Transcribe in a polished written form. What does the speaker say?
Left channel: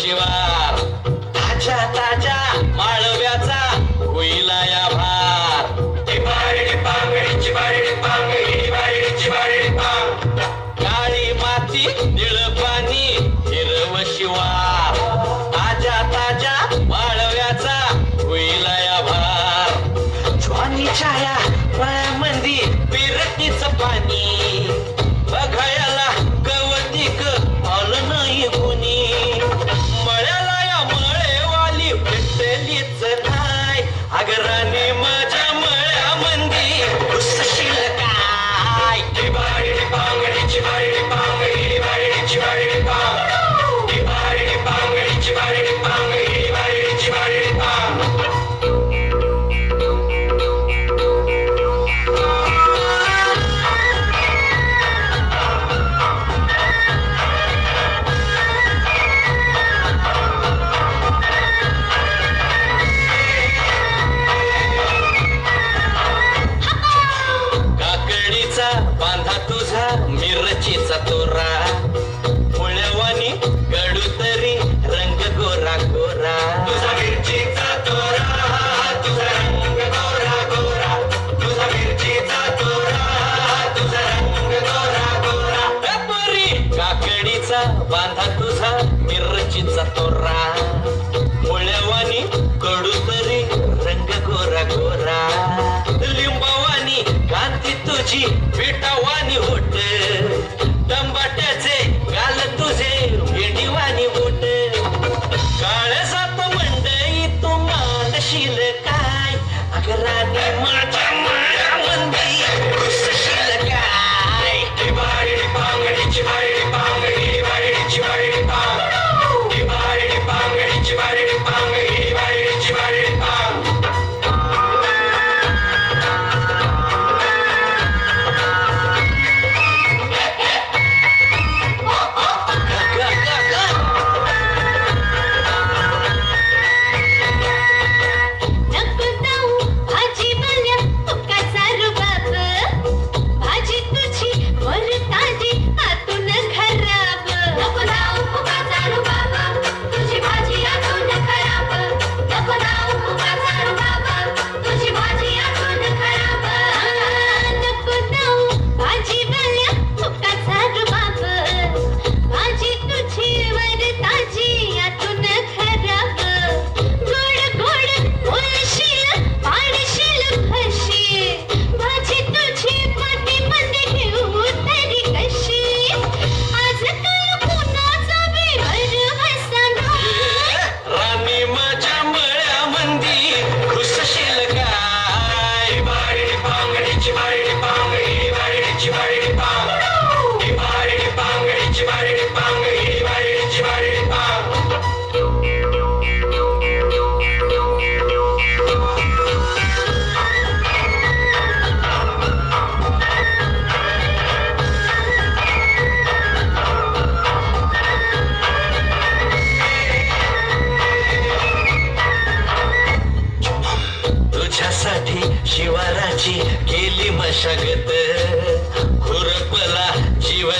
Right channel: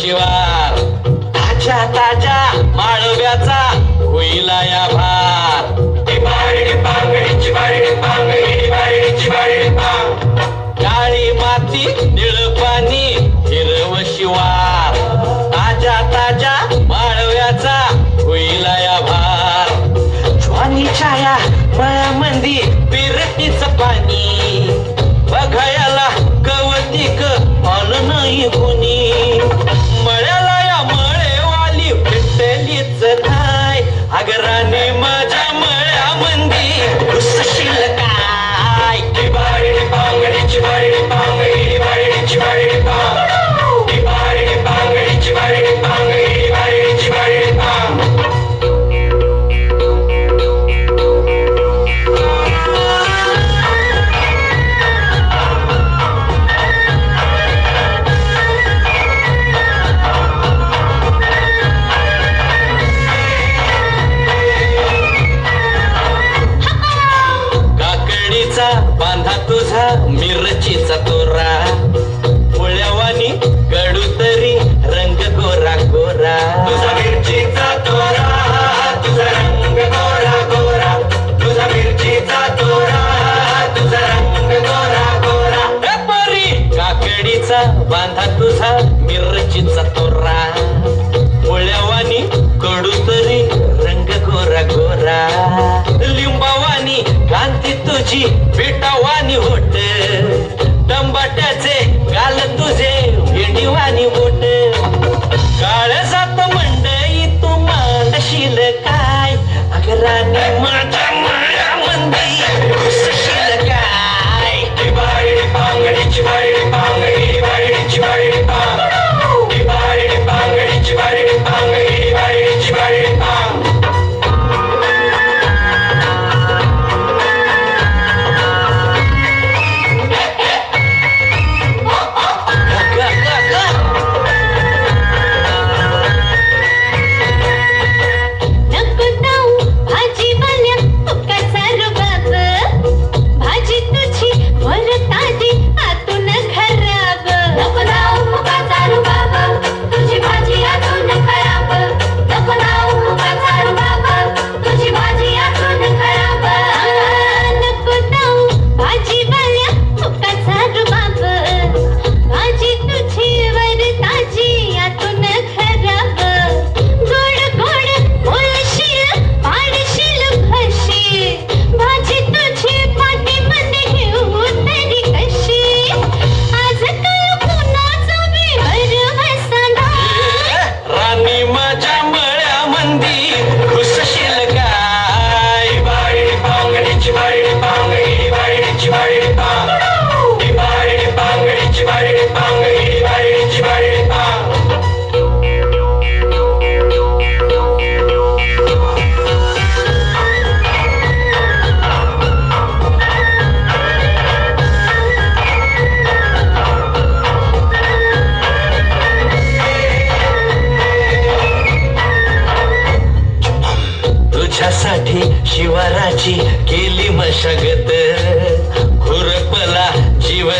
शिवार ताज्या ताज्या माळव्याचा होईला या भार काळी माती निळ पाणी हिरव शिवार ताज्या ताज्या माळव्याचा होईला या भार ज्वानीच्या या मळ्यामंदी पिरटीच पाणी बघायला कवतिक आलं नाही कुणी मळ्याला या मळेवाली भेटलीच काय अगराने माझ्या मळ्यामंदी उसशील काय बांधा तुझा मिरचीचा तोरा पोळ्यावानी कडू तरी रंग गोरा गोरा तुझा मिरचीचा तोरा तुझा रंग गोरा गोरा तुझा मिरचीचा तोरा तुझा रंग गोरा गोरा परी काकडीचा बांधा तुझा मिरचीचा तोरा पोळ्यावानी कडू तरी रंग गोरा गोरा लिंबावानी कांती तुझी पिठावानी होट टंबाट्याचे गाल तुझे भेंडीवानी बोट काळजात मंडई तू मांडशील काय अगराने माझ्या मळ्यामंदी घुसशील काय पांगडीची बाई पांगडी बाईची बाई पांगडी पांगडीची बाई पांगडी बाईची बाई तुझ्यासाठी शिवाराची केली मशागत खुरपला जीव